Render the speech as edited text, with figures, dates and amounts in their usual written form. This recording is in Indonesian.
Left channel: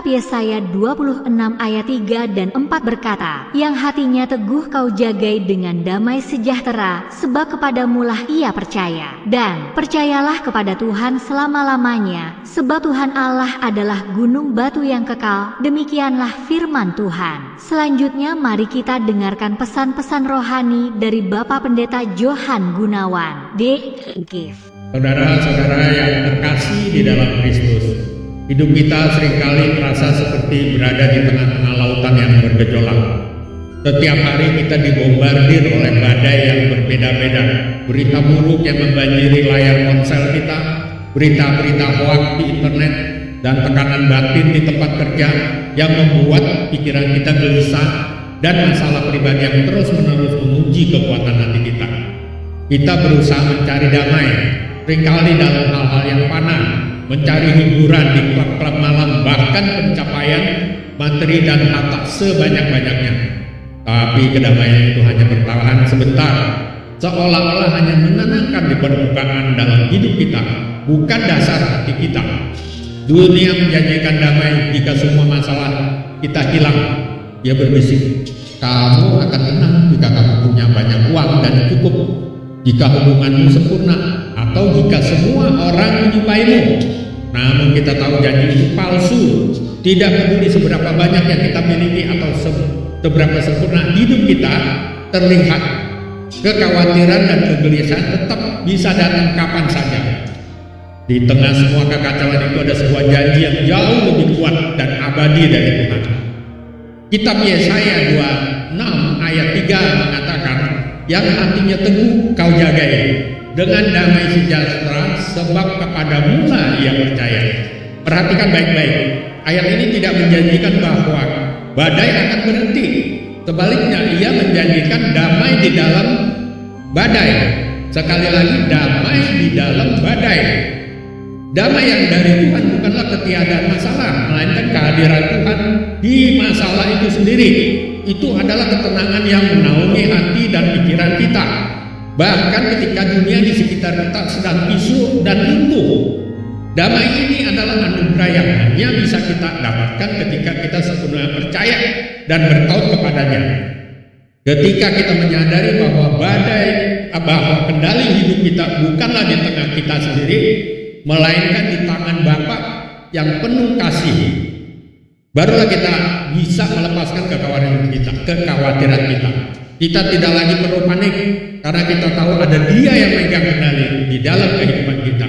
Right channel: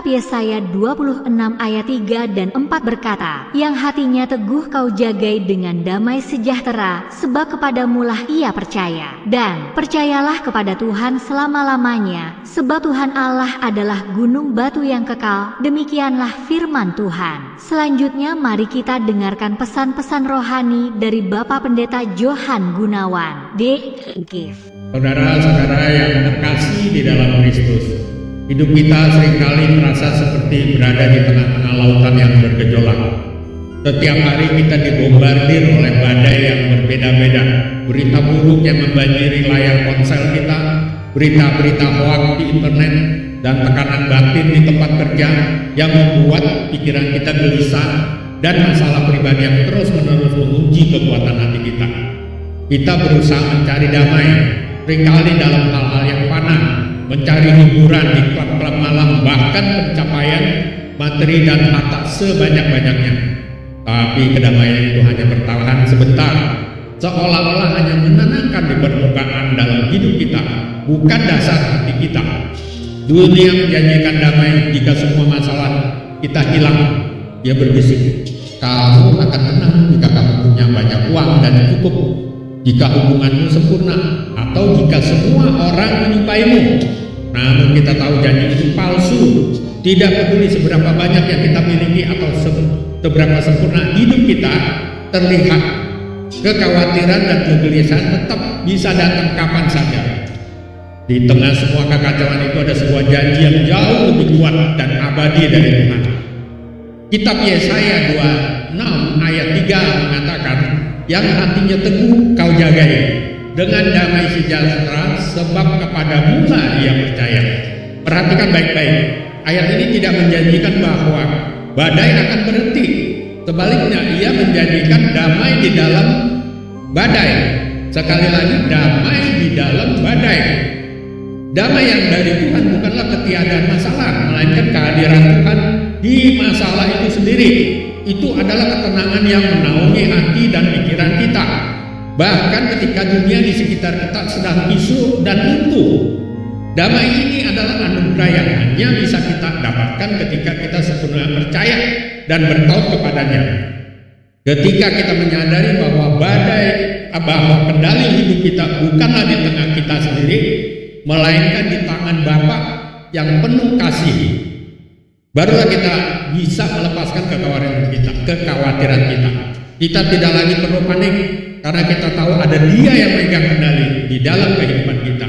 Kitab Yesaya 26 ayat 3 dan 4 berkata, yang hatinya teguh kau jagai dengan damai sejahtera, sebab kepadamulah ia percaya. Dan percayalah kepada Tuhan selama-lamanya, sebab Tuhan Allah adalah gunung batu yang kekal. Demikianlah firman Tuhan. Selanjutnya mari kita dengarkan pesan-pesan rohani dari Bapak Pendeta Johan Gunawan, D.Gif. Saudara-saudara yang terkasih di dalam Kristus, hidup kita seringkali terasa seperti berada di tengah-tengah lautan yang bergejolak. Setiap hari kita dibombardir oleh badai yang berbeda-beda, berita buruk yang membanjiri layar ponsel kita, berita-berita hoaks di internet, dan tekanan batin di tempat kerja yang membuat pikiran kita gelisah, dan masalah pribadi yang terus-menerus menguji kekuatan hati kita. Kita berusaha mencari damai, seringkali dalam hal-hal yang fana, mencari hiburan di klub-klub malam, bahkan pencapaian materi dan harta sebanyak-banyaknya. Tapi kedamaian itu hanya bertahan sebentar, seolah-olah hanya menenangkan di permukaan dalam hidup kita, bukan dasar hati kita. Dunia menjanjikan damai jika semua masalah kita hilang. Dia berbisik, kamu akan tenang jika kamu punya banyak uang dan cukup, jika hubunganmu sempurna, atau jika semua orang menyukaimu. Namun kita tahu janji itu palsu. Tidak peduli seberapa banyak yang kita miliki atau seberapa sempurna hidup kita terlihat, kekhawatiran dan kegelisahan tetap bisa datang kapan saja. Di tengah semua kekacauan itu ada sebuah janji yang jauh lebih kuat dan abadi dari Tuhan. Kitab Yesaya 26 ayat 3 mengatakan, yang hatinya teguh kau jagai dengan damai sejahtera, sebab kepadamulah ia percaya. Perhatikan baik-baik, ayat ini tidak menjanjikan bahwa badai akan berhenti. Sebaliknya, ia menjanjikan damai di dalam badai. Sekali lagi, damai di dalam badai. Damai yang dari Tuhan bukanlah ketiadaan masalah, melainkan kehadiran Tuhan di masalah itu sendiri. Itu adalah ketenangan yang menaungi hati dan pikiran kita, bahkan ketika dunia di sekitar kita sedang kisruh dan runtuh. Damai ini adalah anugerah yang hanya bisa kita dapatkan ketika kita sepenuhnya percaya dan bertaut kepadanya. Ketika kita menyadari bahwa bahwa kendali hidup kita bukanlah di tengah kita sendiri, melainkan di tangan Bapa yang penuh kasih, barulah kita bisa melepaskan kekhawatiran kita. Kita tidak lagi perlu panik, karena kita tahu ada Dia yang memegang kendali di dalam kehidupan kita.